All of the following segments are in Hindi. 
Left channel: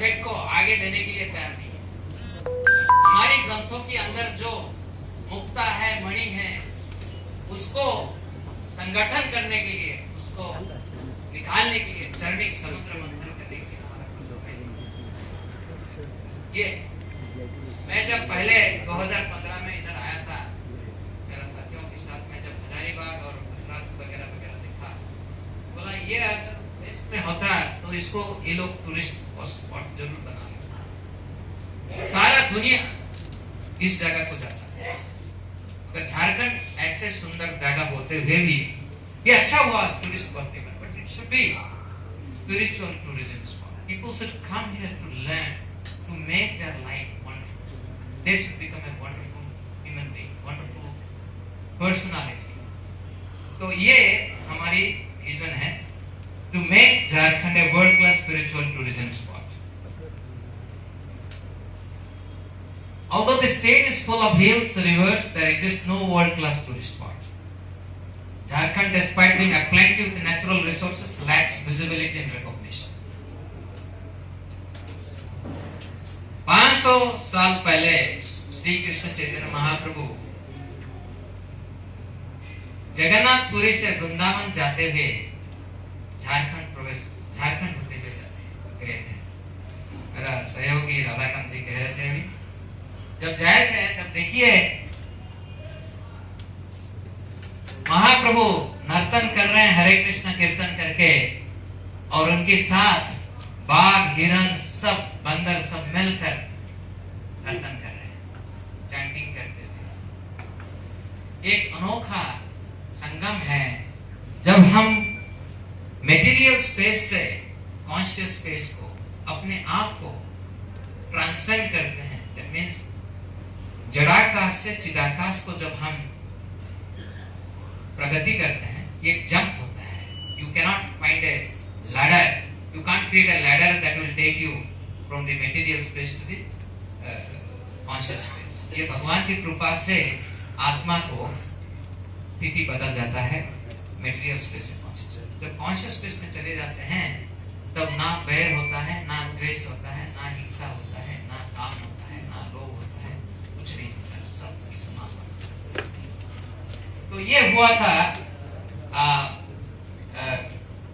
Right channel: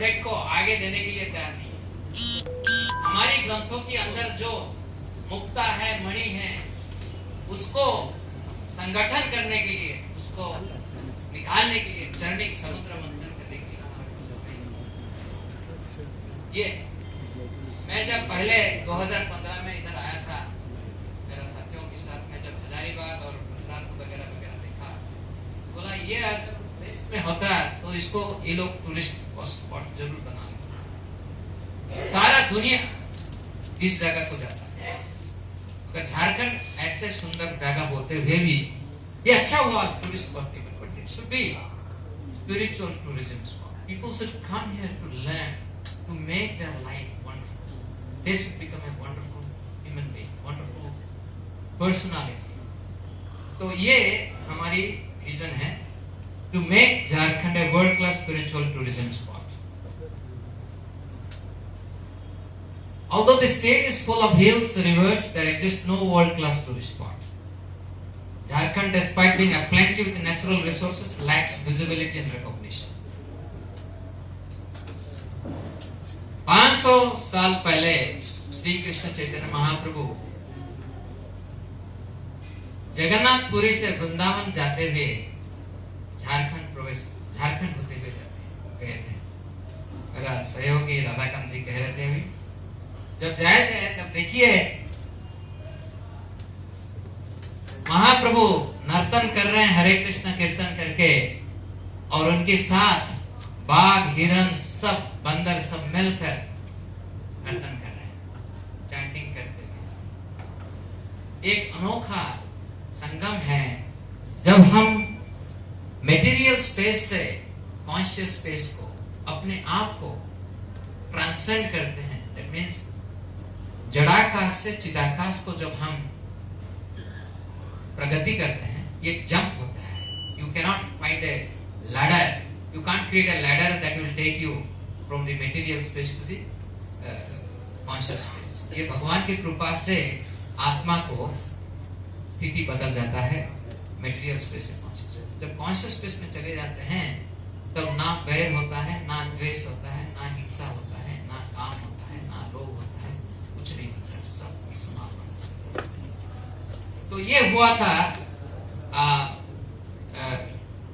प्रोजेक्ट को आगे देने के लिए तैयार नहीं है। हमारी ग्रंथों के अंदर जो मुक्ता है, मणि है, उसको संगठन करने के लिए, उसको निकालने के लिए, चरणिक समुद्र मंथन करने के लिए ये मैं जब पहले 2015 में इधर आया था, मेरा साथियों के साथ में जब हजारीबाग और गुजरात वगैरह देखा, बोला ये अगर देश में होता तो इसको ये लोग टूरिस्ट स्पॉट जरूर बना, सारा दुनिया इस जगह को जाता है। तो झारखंड ऐसे सुंदर जगह होते हुए भी ये अच्छा हुआ टूरिस्ट स्पॉट नहीं, but it should be spiritual tourism spot. People should come here to learn, to make their life wonderful. They should become a wonderful human being, wonderful personality. तो ये हमारी विजन है, to make Jharkhand a world class spiritual tourism spot. Although the state is full of hills, rivers, there exists no world-class tourist spot. Jharkhand, despite being aplenty with natural resources, lacks visibility and recognition. 500 साल पहले श्री कृष्ण चैतन्य महाप्रभु जगन्नाथपुरी से वृंदावन जाते हुए झारखंड होते हुए गए थे। मेरा सहयोगी राधाकांत जी कह रहे थे, अभी जब जाए थे तब देखिए महाप्रभु नर्तन कर रहे हैं, हरे कृष्ण कीर्तन करके, और उनके साथ बाघ, हिरण, सब बंदर सब मिलकर नर्तन कर रहे हैं, चैंटिंग करते हुए। एक अनोखा संगम है जब हम मेटीरियल स्पेस से कॉन्शियस स्पेस को, अपने आप को ट्रांसेंड करते हैं। दैट मीन्स जड़ाकाश से चिदाकाश को जब हम प्रगति करते हैं, ये एक जंप होता है। You cannot find a ladder, you can't create a ladder that will take you from the material space to the conscious space. ये भगवान की कृपा से आत्मा को स्थिति बदल जाता है मटेरियल स्पेस से कॉन्शियस स्पेस। जब कॉन्शियस स्पेस में चले जाते हैं तब ना बैर होता है, ना द्वेष होता है, ना हिंसा होता है, ना काम होता है, ना लोभ होता है, कुछ नहीं होता है, सब समान। तो ये हुआ था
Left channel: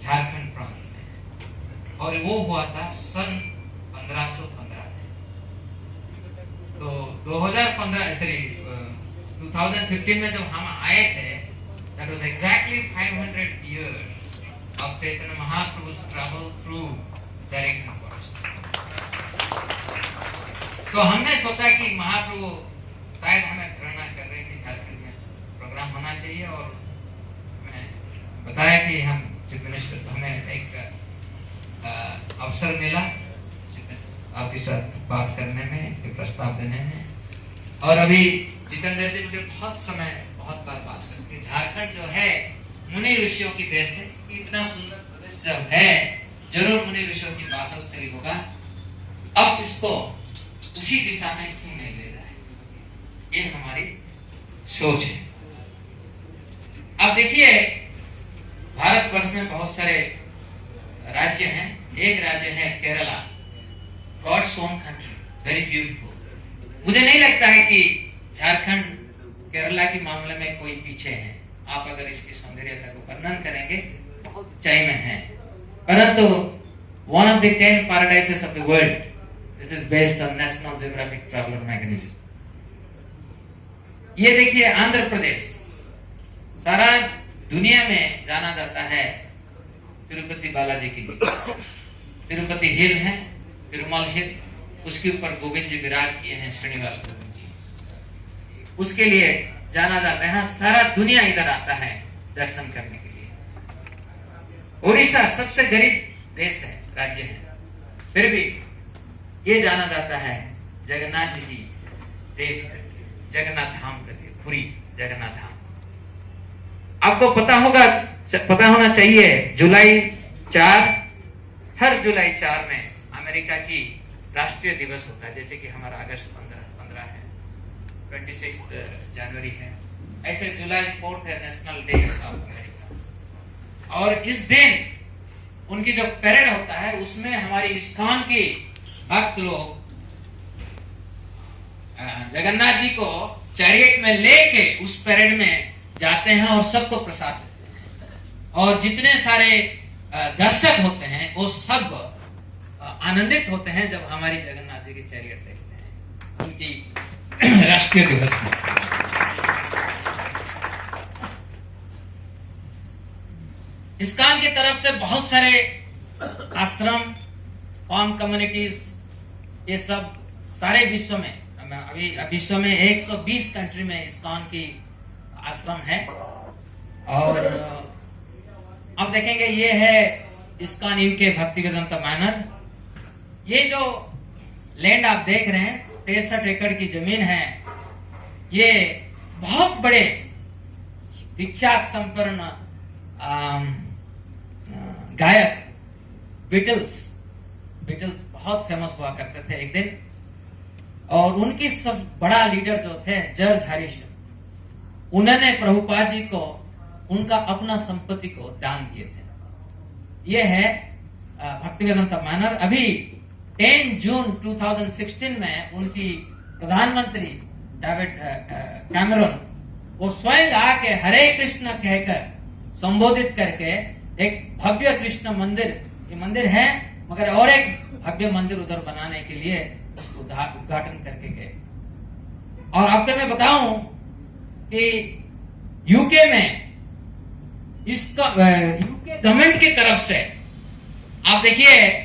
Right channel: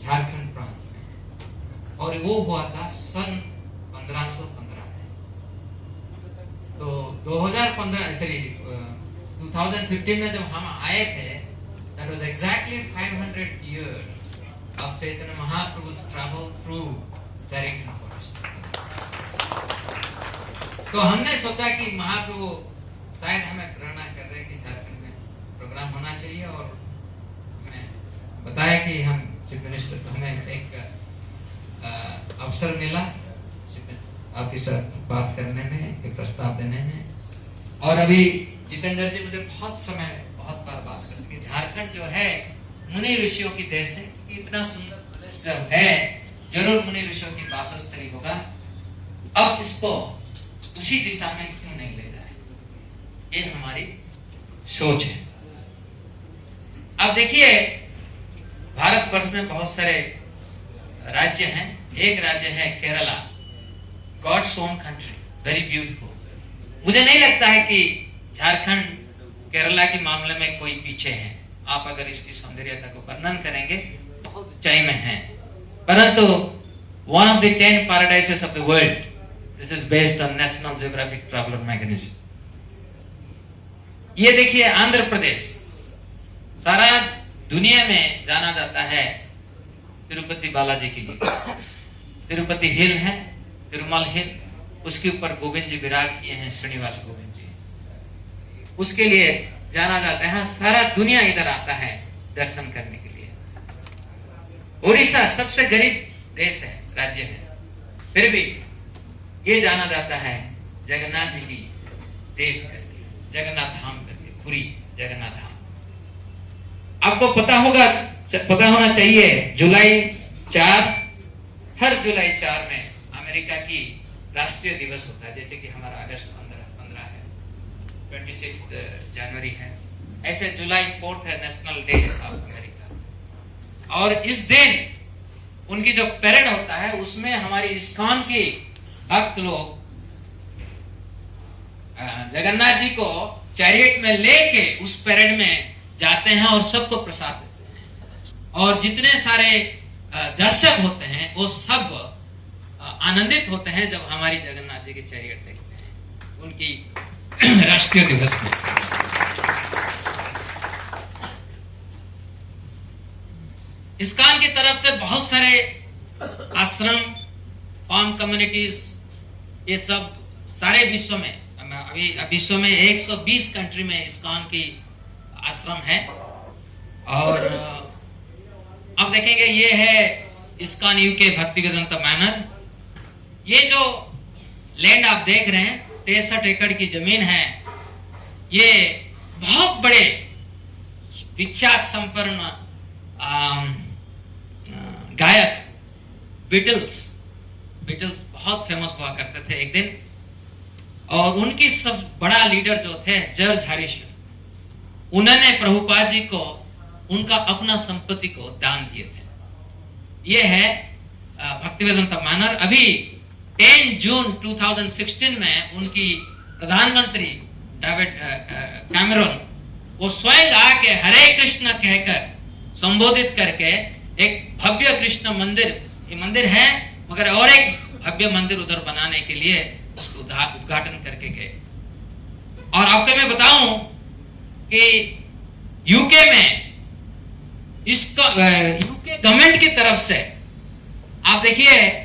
झारखंड प्रांत में, और वो हुआ था सन 1515 में। तो 2015 में जब हम आए थे, that was exactly 500 years of Chaitanya Mahaprabhu's travel through Jharkhand forest. तो हमने सोचा कि महाप्रभु शायद हमें प्रेरणा कर रहे हैं कि झारखंड में प्रोग्राम होना चाहिए, और मैं बताया कि हम चीफ मिनिस्टर को हमें एक अवसर मिला आपके साथ बात करने में, प्रस्ताव देने में। और अभी जितेंद्र जी मुझे बहुत बार बात करते कि झारखंड जो है मुनि ऋषियों की देश है, इतना सुंदर प्रदेश जब है जरूर मुनि ऋषियों की वासस्थली होगा। अब इसको उसी दिशा में क्यों नहीं ले जाए, ये हमारी सोच है। अब देखिए भारतवर्ष में बहुत सारे राज्य हैं। एक राज्य है Kerala, God's own country, very beautiful. मुझे नहीं लगता है कि झारखंड केरला के मामले में कोई पीछे है। आप अगर इसकी सौंदर्यता को वर्णन करेंगे बहुत ऊंचाई में है, परंतु one of the 10 paradises of the world, this is based on National Geographic Traveller magazine. ये देखिए आंध्र प्रदेश सारा दुनिया में जाना जाता है तिरुपति बालाजी के लिए। तिरुपति हिल है, तिरुमल हिल, उसके ऊपर गोविंद जी विराज किए हैं, श्रीनिवास गोविंद जी, उसके लिए जाना जाता है। सारा दुनिया इधर आता है दर्शन करने के लिए। ओडिशा सबसे गरीब देश है, राज्य है, फिर भी ये जाना जाता है जगन्नाथ जी की देश करके, जगन्नाथ धाम करके, पुरी जगन्नाथ धाम। आपको पता होना चाहिए जुलाई 4, हर जुलाई 4 में अमेरिका की राष्ट्रीय दिवस होता है। जैसे कि हमारा अगस्त 15 है, 26 जनवरी है, ऐसे जुलाई 4 है नेशनल डे ऑफ अमेरिका। और इस दिन उनकी जो परेड होता है उसमें हमारी इस्कॉन की भक्त लोग जगन्नाथ जी को चैरियट में लेके उस परेड में जाते हैं और सबको प्रसाद देते हैं, और जितने सारे दर्शक होते हैं वो सब आनंदित होते हैं जब हमारी जगन्नाथ जी की चैरियट देखते हैं उनकी राष्ट्रीय दिवस में। इस्कॉन की तरफ से बहुत सारे आश्रम, फार्म कम्युनिटीज, ये सब सारे विश्व में, अभी विश्व में 120 कंट्री में इस्कॉन की आश्रम है। और अब देखेंगे ये है इस्कॉन यूके भक्तिवेदांता मैनर। ये जो लैंड आप देख रहे हैं 63 एकड़ की जमीन है। ये बहुत बड़े विख्यात संपन्न गायक बीटल्स बहुत फेमस हुआ करते थे एक दिन, और उनकी सब बड़ा लीडर जो थे जॉर्ज हैरिसन, उन्होंने प्रभुपाद जी को उनका अपना संपत्ति को दान दिए थे। यह है भक्तिवेदांता मैनर। अभी 10 जून 2016 में उनकी प्रधानमंत्री डेविड कैमरन वो स्वयं आके हरे कृष्ण कहकर संबोधित करके एक भव्य कृष्ण मंदिर, ये मंदिर है मगर और एक भव्य मंदिर उधर बनाने के लिए उसको उद्घाटन करके गए। और आपको मैं बताऊं कि यूके में इसका यूके गवर्नमेंट की तरफ से आप देखिए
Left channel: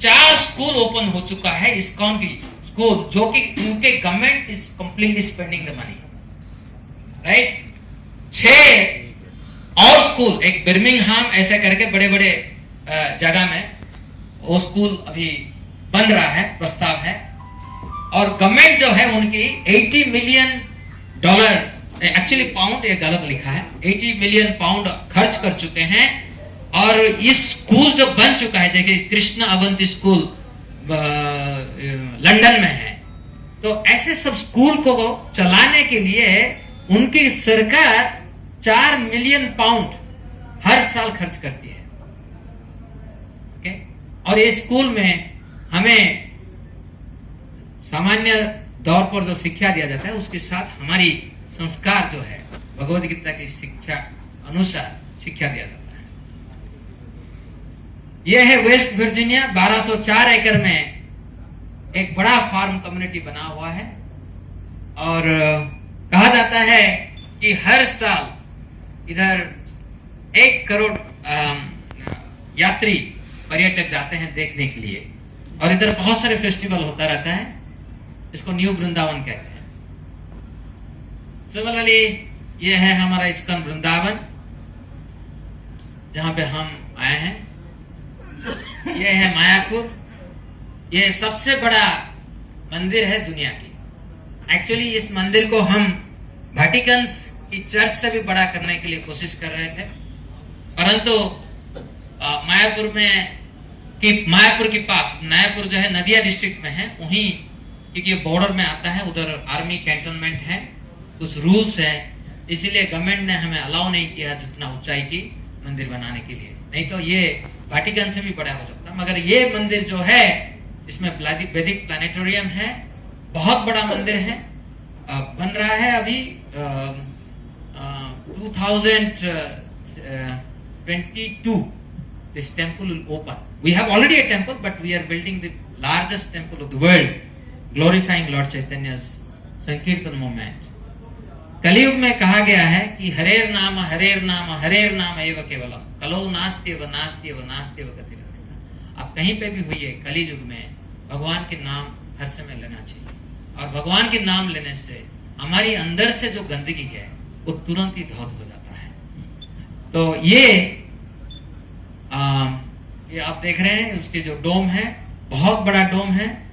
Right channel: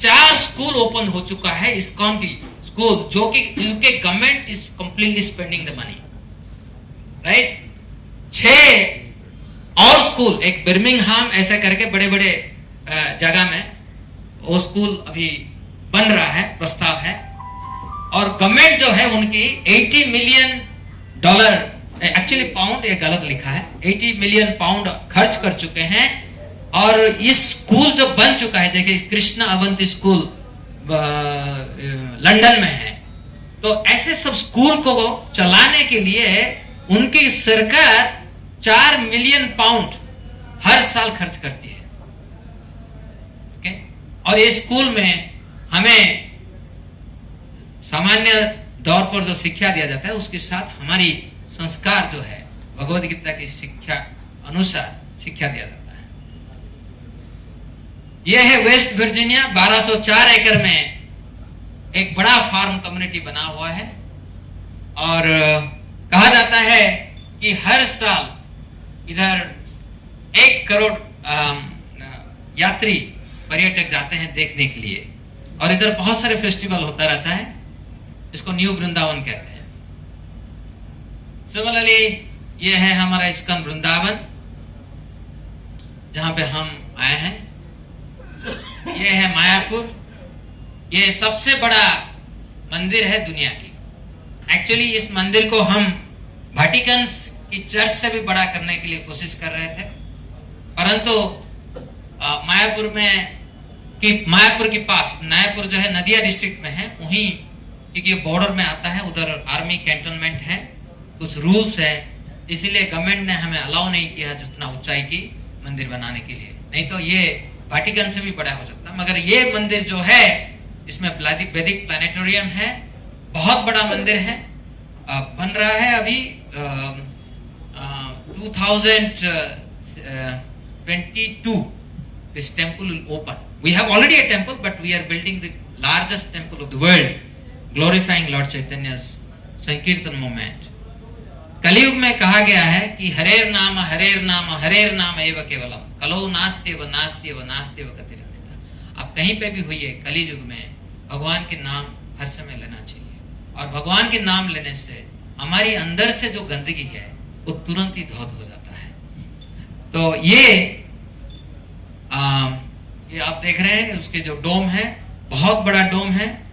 4 स्कूल ओपन हो चुका है इस्कॉन की स्कूल, जो कि UK government is completely spending the money, right. 6 और स्कूल, एक बर्मिंघम ऐसे करके बड़े बड़े जगह में वो स्कूल अभी बन रहा है, प्रस्ताव है। और गवर्नमेंट जो है उनकी $80 मिलियन, एक्चुअली पाउंड, ये गलत लिखा है, 80 मिलियन पाउंड खर्च कर चुके हैं। और इस स्कूल जो बन चुका है, देखिए कृष्ण अवंती स्कूल लंदन में है। तो ऐसे सब स्कूल को चलाने के लिए उनकी सरकार 4 मिलियन पाउंड हर साल खर्च करती है। ओके, और ये स्कूल में हमें सामान्य तौर पर जो शिक्षा दिया जाता है उसके साथ हमारी संस्कार जो है भगवद गीता की शिक्षा अनुसार शिक्षा दिया जाता है। यह है वेस्ट वर्जीनिया, 1204 एकड़ में एक बड़ा फार्म कम्युनिटी बना हुआ है। और कहा जाता है कि हर साल इधर 1 करोड़ यात्री पर्यटक जाते हैं देखने के लिए। और इधर बहुत सारे फेस्टिवल होता रहता है, इसको न्यू वृंदावन कहते हैं। सिमिलरली ये है हमारा इस्कॉन वृंदावन, जहां पे हम आए हैं। ये है मायापुर, ये सबसे बड़ा मंदिर है दुनिया की। एक्चुअली इस मंदिर को हम वाटिकन की चर्च से भी बड़ा करने के लिए कोशिश कर रहे थे, परंतु मायापुर के पास, मायापुर जो है नदिया डिस्ट्रिक्ट में है, वहीं क्योंकि बॉर्डर में आता है, उधर आर्मी कैंटोनमेंट है, कुछ रूल्स है, इसीलिए गवर्नमेंट ने हमें अलाउ नहीं किया जितना ऊंचाई की मंदिर बनाने के लिए। नहीं तो ये वाटिकन से भी बड़ा हो सकता। मगर ये मंदिर जो है इसमें वैदिक प्लानिटोरियम है, बहुत बड़ा मंदिर है, बन रहा है अभी। 2022 this temple will open. We have already a temple, but we are building the largest temple of the world, glorifying Lord Chaitanya's Sankirtan movement. कलियुग में कहा गया है कि हरेर नाम एव केवलम, कलो नास्त्यव गतिरन्यथा। आप कहीं पे भी होइए, कलियुग में भगवान के नाम हर समय लेना चाहिए। और भगवान के नाम लेने से हमारी अंदर से जो गंदगी है वो तुरंत ही धौत हो जाता है। तो ये आप देख रहे हैं, उसके जो डोम है, बहुत बड़ा डोम है,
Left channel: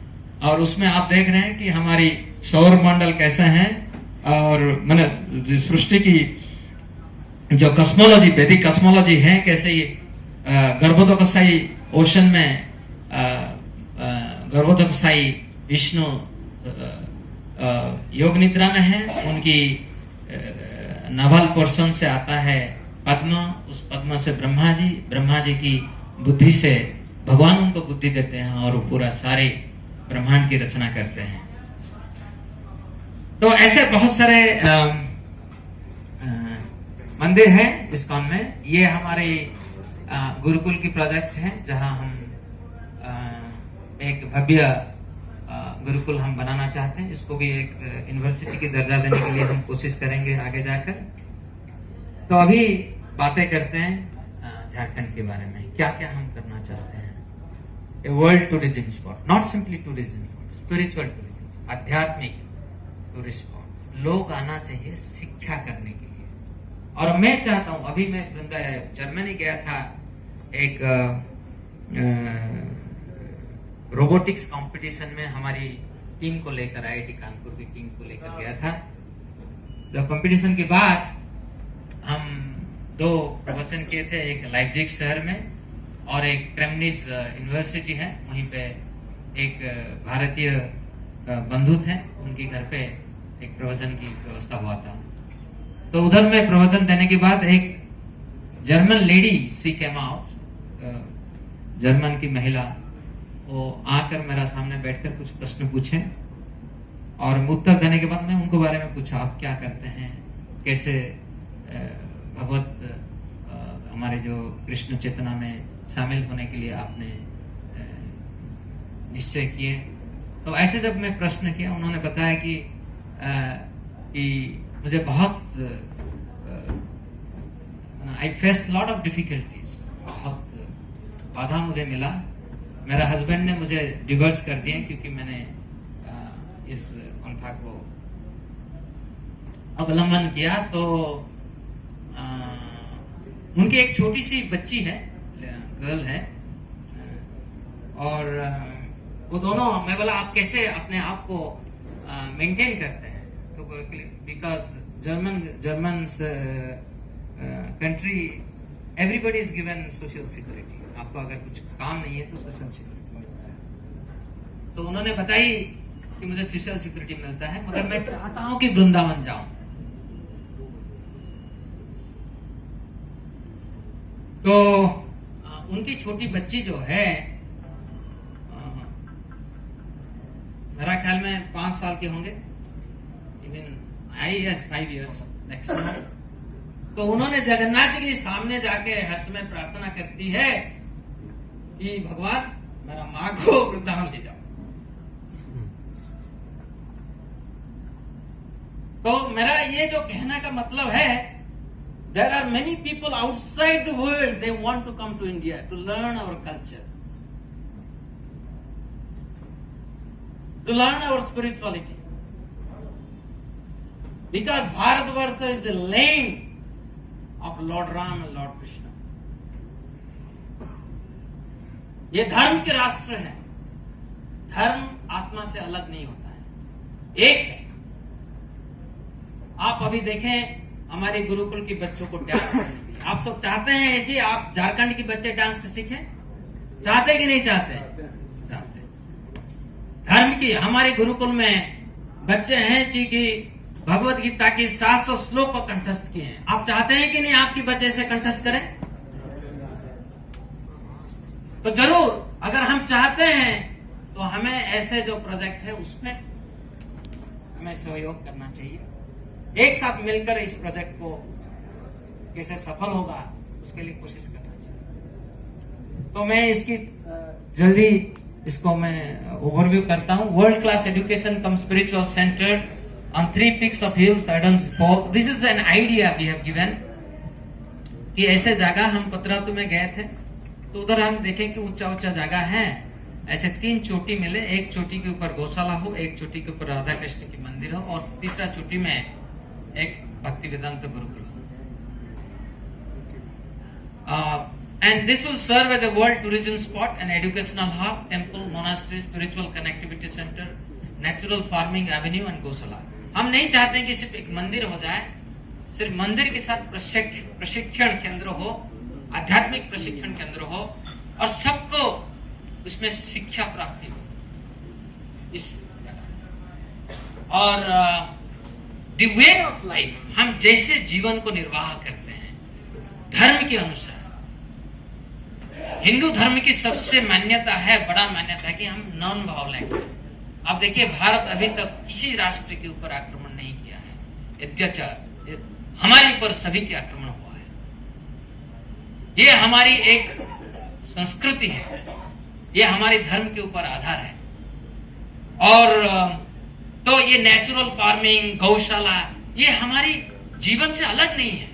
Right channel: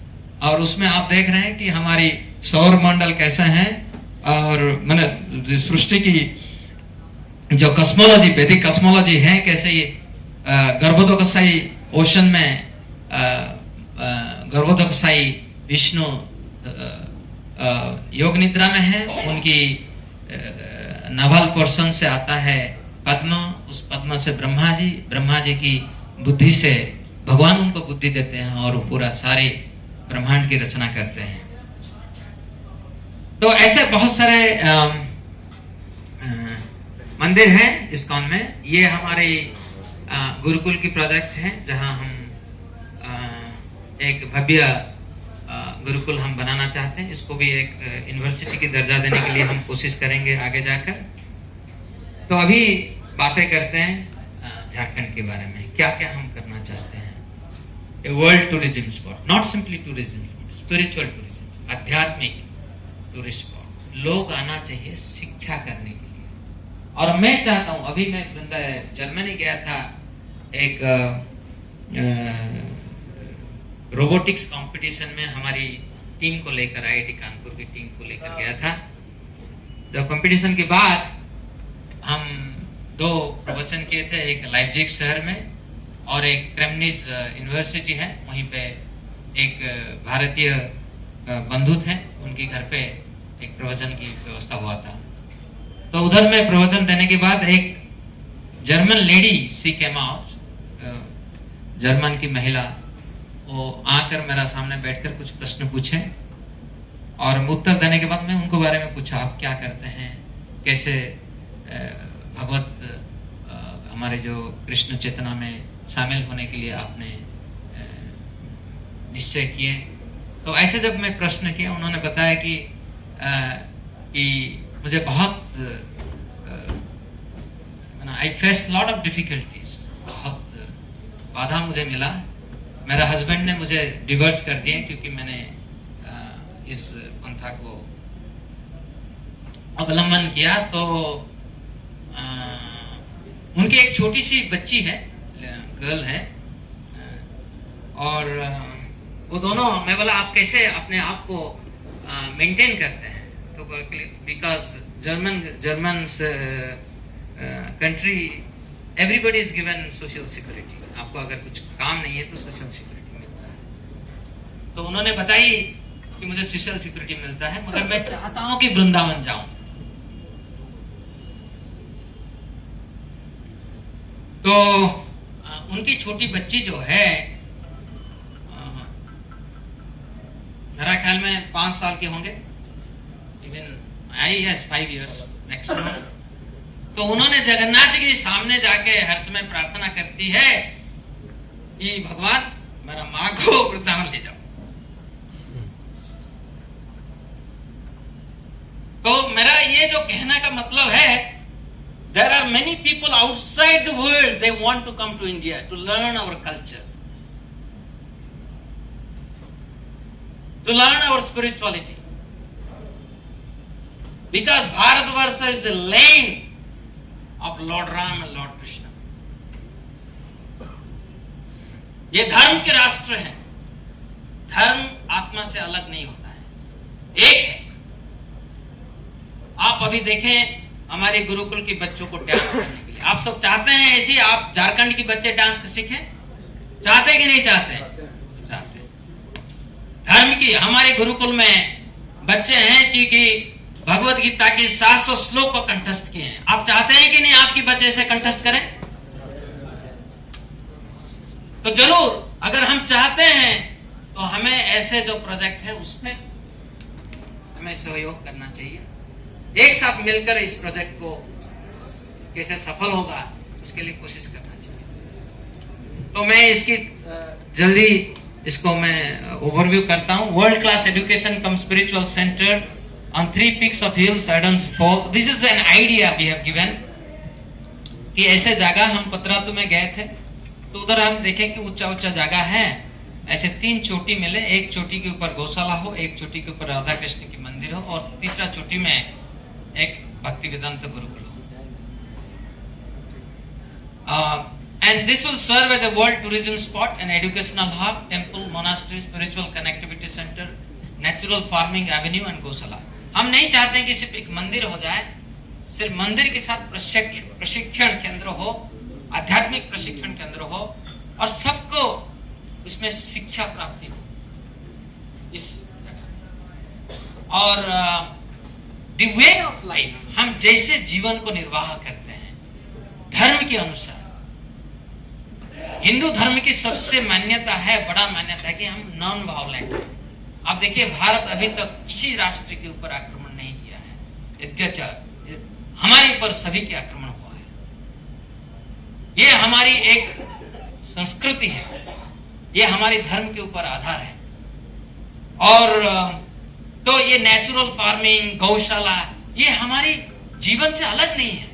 और उसमें आप देख रहे हैं कि हमारी सौर मंडल कैसा है, और मैंने सृष्टि की जो कस्मोलॉजी, वैदिक कस्मोलॉजी है, कैसे ये गर्भोदकसाई ओशन में गर्भोदकसाई विष्णु योग निद्रा में है, उनकी नाभल पोर्शन से आता है पद्म, उस पद्म से ब्रह्मा जी की बुद्धि से भगवान उनको बुद्धि देते हैं, और पूरा सारे ब्रह्मांड की रचना करते हैं। तो ऐसे बहुत सारे मंदिर हैं इस्कॉन में। ये हमारे गुरुकुल की प्रोजेक्ट है, जहां हम एक भव्य गुरुकुल हम बनाना चाहते हैं। इसको भी एक यूनिवर्सिटी की दर्जा देने के लिए हम कोशिश करेंगे आगे जाकर। तो अभी बातें करते हैं झारखंड के बारे में, क्या क्या हम करना चाहते हैं। A world tourism spot, not simply tourism spot, spiritual tourism, आध्यात्मिक टूरिस्ट स्पॉट। लोग आना चाहिए शिक्षा करने के लिए। और मैं चाहता हूं, अभी मैं जर्मनी गया था, एक रोबोटिक्स कंपटीशन में हमारी टीम को लेकर, आईआईटी कानपुर की टीम को लेकर गया था। जब कंपटीशन के बाद हम 2 प्रवचन किए थे, एक लाइप्जिग शहर में और एक क्रेमनिज यूनिवर्सिटी है, वहीं पे एक भारतीय बंधु थे, उनके घर पे एक प्रवचन की व्यवस्था हुआ था। तो उधर में प्रवचन देने के बाद एक जर्मन लेडी सी केम आउट, जर्मन की महिला, वो आकर मेरा सामने बैठकर कुछ प्रश्न पूछे और उत्तर देने के बाद मैं उनको बारे में पूछा, आप क्या करते हैं, कैसे भगवत हमारे जो कृष्ण चेतना में शामिल होने के लिए आपने निश्चय किए। तो ऐसे जब मैं प्रश्न किया, उन्होंने बताया कि मुझे बहुत I face lot of difficulties, बहुत बाधा मुझे मिला। मेरा हस्बैंड ने मुझे डिवोर्स कर दिए क्योंकि मैंने इस पंथा को अवलंबन किया। तो उनकी एक छोटी सी बच्ची है, गर्ल है, और वो दोनों, मैं बोला आप कैसे अपने आप को मेंटेन करते हैं? तो because German country everybody is given social security. आपको अगर कुछ काम नहीं है तो सोशल सिक्योरिटी मिलता है। तो उन्होंने बताई कि मुझे सोशल सिक्योरिटी मिलता है, मगर मैं चाहता हूं कि वृंदावन जाऊं। तो उनकी छोटी बच्ची जो है, मेरा ख्याल में 5 साल के होंगे, even I S 5 years maximum. तो उन्होंने जगन्नाथ जी के सामने जाके हर समय प्रार्थना करती है कि भगवान मेरा माँ को वृंदावन ले जाओ। तो मेरा ये जो कहने का मतलब है, there are many people outside the world, they want to come to India to learn our culture, to learn our spirituality, because Bharatvarsha is the land of Lord Ram and Lord Krishna. ये धर्म के राष्ट्र हैं। धर्म आत्मा से अलग नहीं होता है, एक है। आप अभी देखें हमारे गुरुकुल के बच्चों को डांस करने के लिए, आप सब चाहते हैं ऐसे आप झारखंड के बच्चे डांस सीखें? चाहते कि नहीं चाहते? चाहते। धर्म की हमारे गुरुकुल में बच्चे हैं कि भगवत गीता की 700 श्लोक को कंठस्थ किए हैं। आप चाहते हैं कि नहीं आपके बच्चे से कंठस्थ करें? तो जरूर, अगर हम चाहते हैं तो हमें ऐसे जो प्रोजेक्ट है उसमें हमें सहयोग करना चाहिए। एक साथ मिलकर इस प्रोजेक्ट को कैसे सफल होगा उसके लिए कोशिश करना चाहिए। तो मैं इसकी जल्दी इसको मैं ओवरव्यू करता हूं। World class education come spiritual centre on 3 peaks of hills, I don't fall. This is an idea we have given कि ऐसे जगह हम पतरातू में गए थे, तो उधर हम देखें कि ऊंचा ऊंचा जगह है, ऐसे 3 चोटी मिले, एक चोटी के ऊपर गौशाला हो, एक चोटी के ऊपर राधा कृष्ण की मंदिर हो, और तीसरा चोटी में एक भक्ति वेदांत गुरुकुल हो। And this will serve as a world tourism spot, an educational hub, temple, monastery, spiritual connectivity center, natural farming avenue and गौशाला। हम नहीं चाहते कि सिर्फ एक मंदिर हो जाए, सिर्फ मंदिर के साथ प्रशिक्षण केंद्र हो, आध्यात्मिक प्रशिक्षण केंद्र हो, और सबको उसमें शिक्षा प्राप्ति हो इस जगह। और द वे ऑफ लाइफ, हम जैसे जीवन को निर्वाह करते हैं धर्म के अनुसार, हिंदू धर्म की सबसे मान्यता है, बड़ा मान्यता है कि हम नॉन वायलेंट। आप देखिए भारत अभी तक किसी राष्ट्र के ऊपर आक्रमण नहीं किया है, अत्याचार हमारे ऊपर सभी के आक्रमण हुआ है। ये हमारी एक संस्कृति है, ये हमारे धर्म के ऊपर आधार है। और तो ये नेचुरल फार्मिंग, गौशाला, ये हमारी जीवन से अलग नहीं है।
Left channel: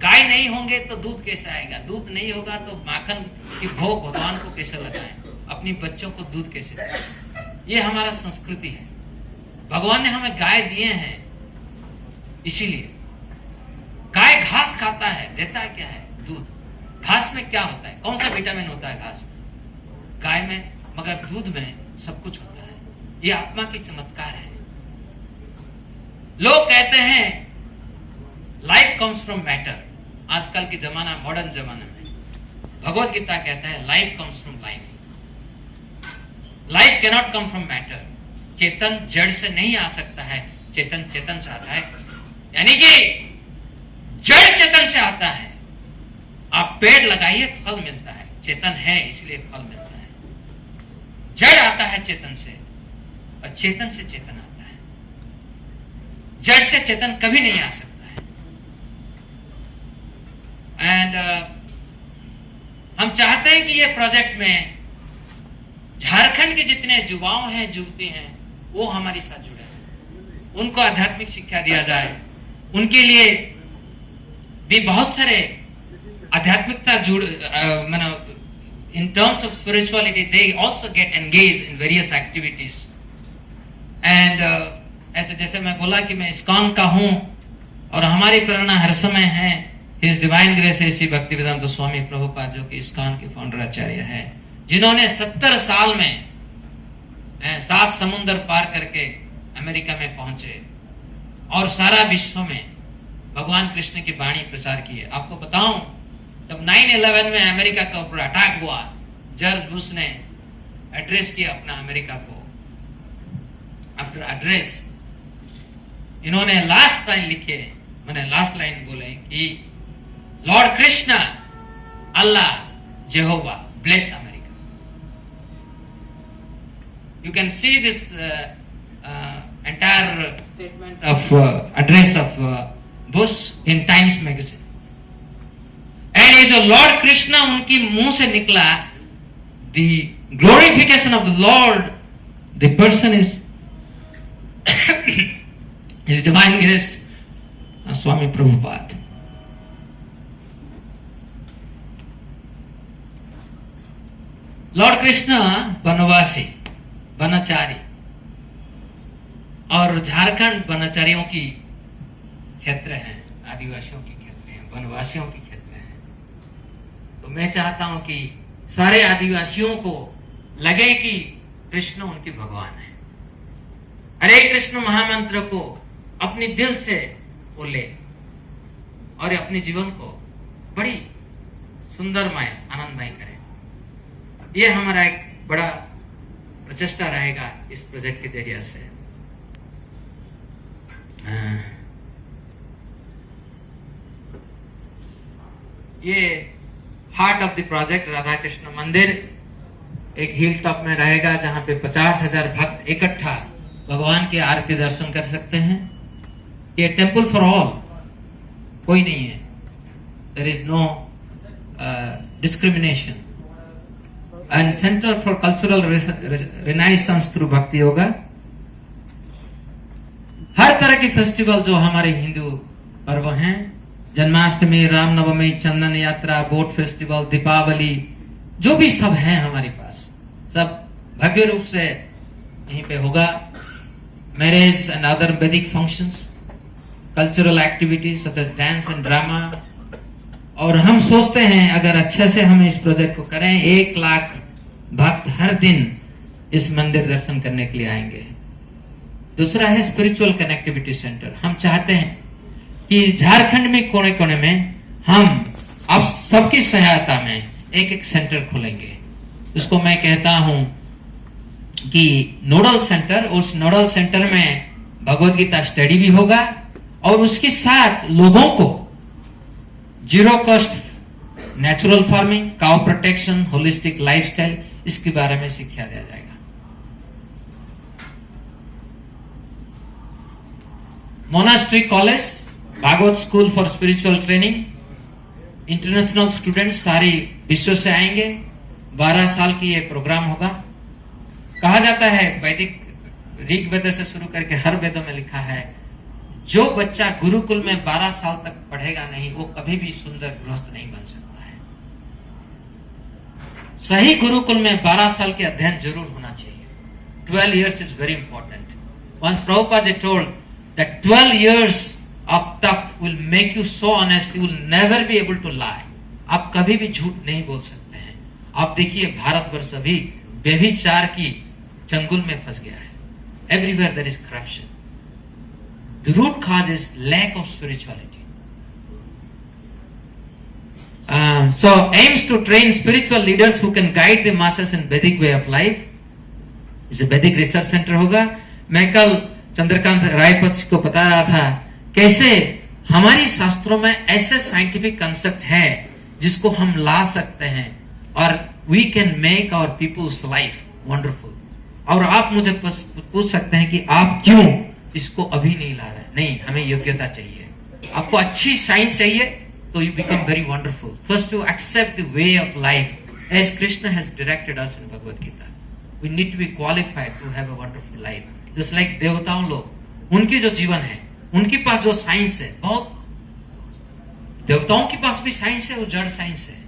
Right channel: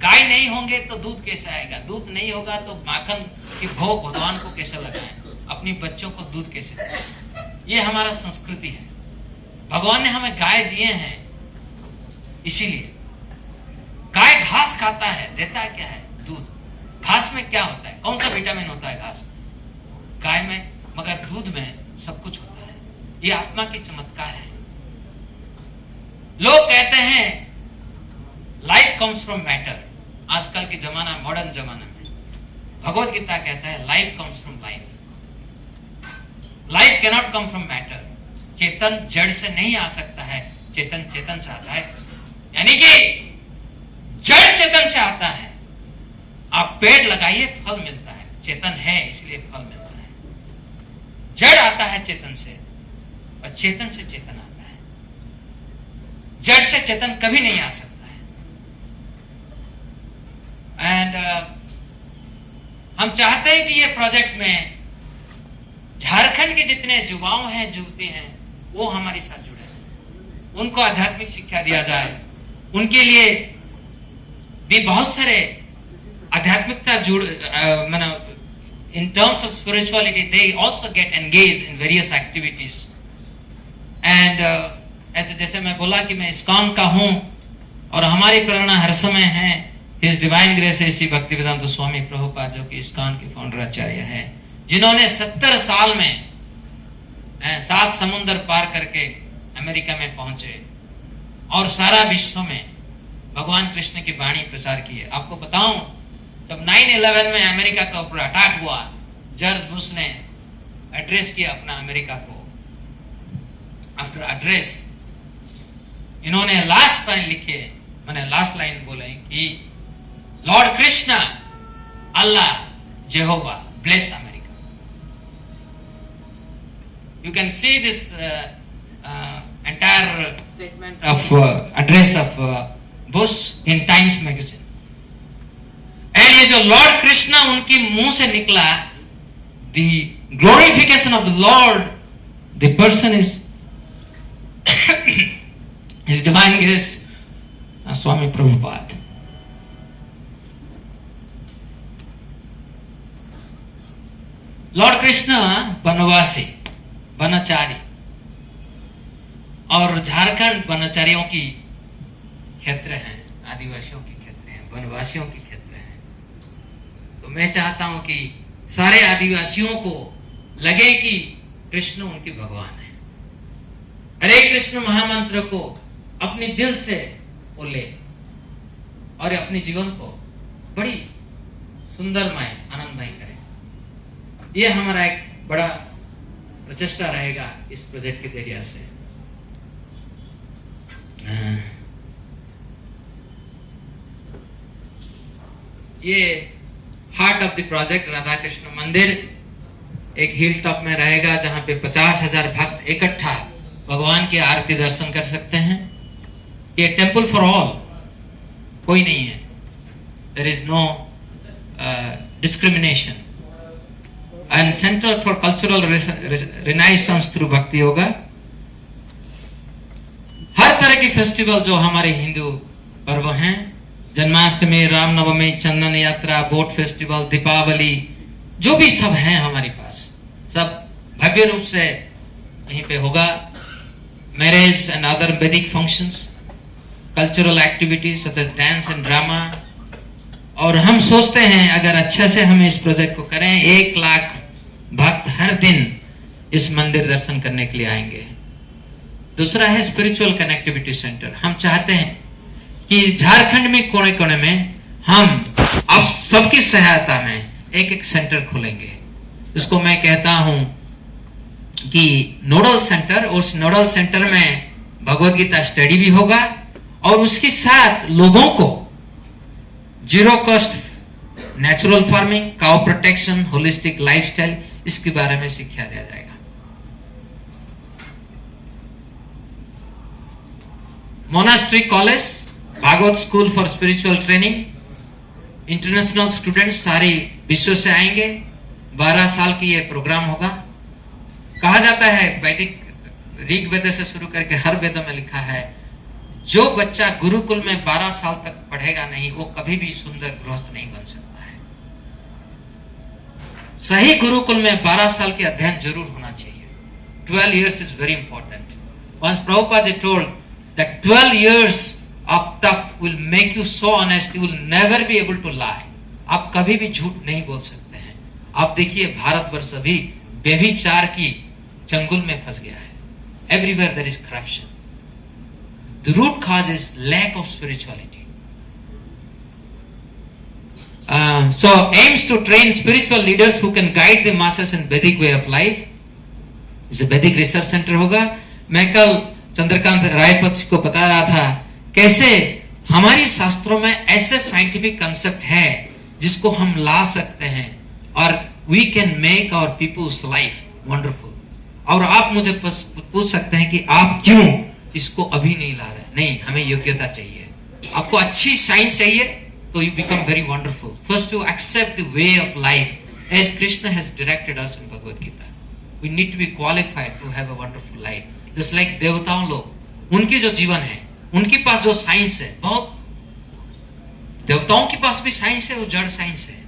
गाय नहीं होंगे तो दूध कैसे आएगा, दूध नहीं होगा तो माखन की भोग भगवान को कैसे लगाएं, अपनी बच्चों को दूध कैसे दें। ये हमारा संस्कृति है। भगवान ने हमें गाय दिए हैं, इसीलिए गाय घास खाता है, देता है क्या है, दूध। घास में क्या होता है, कौन सा विटामिन होता है घास में, गाय में, मगर दूध में सब कुछ होता है। ये आत्मा की चमत्कार है। लोग कहते हैं लाइफ कम्स फ्रॉम मैटर। आजकल के जमाना, मॉडर्न जमाना में भगवत गीता कहता है life comes from life. Life can not come from matter. चेतन जड़ से नहीं आ सकता है, चेतन चेतन से आता है। यानी कि जड़ चेतन से आता है। आप पेड़ लगाइए, फल मिलता है, चेतन है इसलिए फल मिलता है। जड़ आता है चेतन से और चेतन से चेतन आता है। जड़ से चेतन कभी नहीं आ सकता है। एंड हम चाहते हैं कि ये प्रोजेक्ट में झारखंड के जितने युवाओं हैं, युवती हैं, वो हमारे साथ जुड़े, उनको आध्यात्मिक शिक्षा दिया जाए। उनके लिए भी बहुत सारे आध्यात्मिकता in terms of spirituality, they also get engaged in various activities. And ऐसे जैसे मैं बोला कि मैं इस्कॉन का हूं और हमारी प्रेरणा हर समय है His Divine Grace Shri Bhaktivedanta स्वामी प्रभुपाद, जो कि इस्कॉन के फाउंडर आचार्य है, जिन्होंने 70 साल में 7 समुद्र पार करके अमेरिका में पहुंचे और सारा विश्व में भगवान कृष्ण की वाणी प्रचार की है। आपको बताऊं, जब 9/11 में अमेरिका के ऊपर अटैक हुआ, जॉर्ज बुश ने एड्रेस किया अपना अमेरिका को। आफ्टर एड्रेस इन्होंने लास्ट लाइन लिखे, मैंने लास्ट लाइन बोले कि Lord Krishna, Allah, जेहोवा bless America. You can see this entire statement of address of Bush in Times magazine. And ये जो लॉर्ड कृष्णा उनकी मुंह से निकला, the glorification of the Lord, the person is His Divine Grace Swami Prabhupada. Lord Krishna वनवासी, वनाचारी, और झारखंड वनाचारियों की क्षेत्र है, आदिवासियों की क्षेत्र है, वनवासियों की क्षेत्र है। तो मैं चाहता हूं कि सारे आदिवासियों को लगे कि कृष्ण उनके भगवान है। हरे कृष्ण महामंत्र को अपने दिल से बोले और अपने जीवन को बड़ी सुंदरमय, आनंदमय करें। यह हमारा एक बड़ा प्रचेष्टा रहेगा इस प्रोजेक्ट के जरिए से। ये heart of the project Radha Krishna मंदिर एक हिल टॉप में रहेगा, जहां पे 50,000 भक्त इकट्ठा भगवान की आरती दर्शन कर सकते हैं। ये टेम्पल फॉर ऑल, कोई नहीं है, there is no discrimination. And centre for cultural renaissance through bhakti होगा। हर तरह की फेस्टिवल जो हमारे हिंदू पर्व हैं, जन्माष्टमी, रामनवमी, चंदन यात्रा, बोट फेस्टिवल, दीपावली, जो भी सब हैं हमारे पास, सब भव्य रूप से यहीं पे होगा। Marriage and other Vedic functions, cultural activities such as dance and drama. और हम सोचते हैं अगर अच्छे से हम इस प्रोजेक्ट को करें, 1 लाख भक्त हर दिन इस मंदिर दर्शन करने के लिए आएंगे। दूसरा है स्पिरिचुअल कनेक्टिविटी सेंटर। हम चाहते हैं कि झारखंड में कोने कोने में हम अब सबकी सहायता में एक सेंटर खोलेंगे। इसको मैं कहता हूं कि नोडल सेंटर। उस नोडल सेंटर में भगवद गीता स्टडी भी होगा और उसके साथ लोगों को zero cost natural farming, cow protection, holistic lifestyle, इसके बारे में शिक्षा दिया जाएगा। Monastery college, Bhagavat school for spiritual training, international students सारे विश्व से आएंगे। 12 साल की ये प्रोग्राम होगा। कहा जाता है वैदिक ऋग वेद से शुरू करके हर वेदों में लिखा है, जो बच्चा गुरुकुल में 12 साल तक पढ़ेगा नहीं, वो कभी भी सुंदर गृहस्थ नहीं बन सकता है। सही गुरुकुल में 12 साल के अध्ययन जरूर होना चाहिए। 12 years is very important. Once Prabhupada told that 12 years of tap will make you so honest, you will never be able to lie. आप कभी भी झूठ नहीं बोल सकते हैं। आप देखिए भारतवर्ष अभी व्यभिचार की चंगुल में फंस गया है। Everywhere there is corruption. The root cause is lack of spirituality. So aims to train spiritual leaders who can guide the masses in Vedic way of life. इसे वैदिक रिसर्च सेंटर होगा। मैं कल चंद्रकांत रायपत को बता रहा था कैसे हमारी शास्त्रों में ऐसे साइंटिफिक कंसेप्ट है जिसको हम ला सकते हैं और we can make our people's life wonderful. और आप मुझे पूछ सकते हैं कि आप क्यों इसको अभी नहीं ला रहे? नहीं, हमें योग्यता चाहिए। आपको अच्छी साइंस चाहिए तो you become very wonderful. First to accept the way of life as Krishna has directed us in Bhagavad Gita. We need to be qualified to have a wonderful life. Just like देवताओं लोग, उनकी जो जीवन है, उनके पास जो साइंस है, बहुत देवताओं के पास भी साइंस है, वो जड़ साइंस है,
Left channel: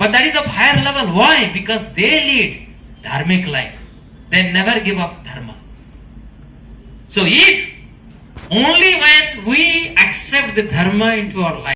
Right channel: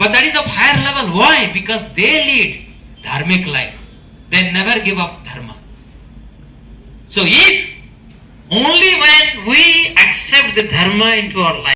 but that is of higher level. Why? Because they lead dharmic life. They never give up dharma. So if only when we accept the dharma into our life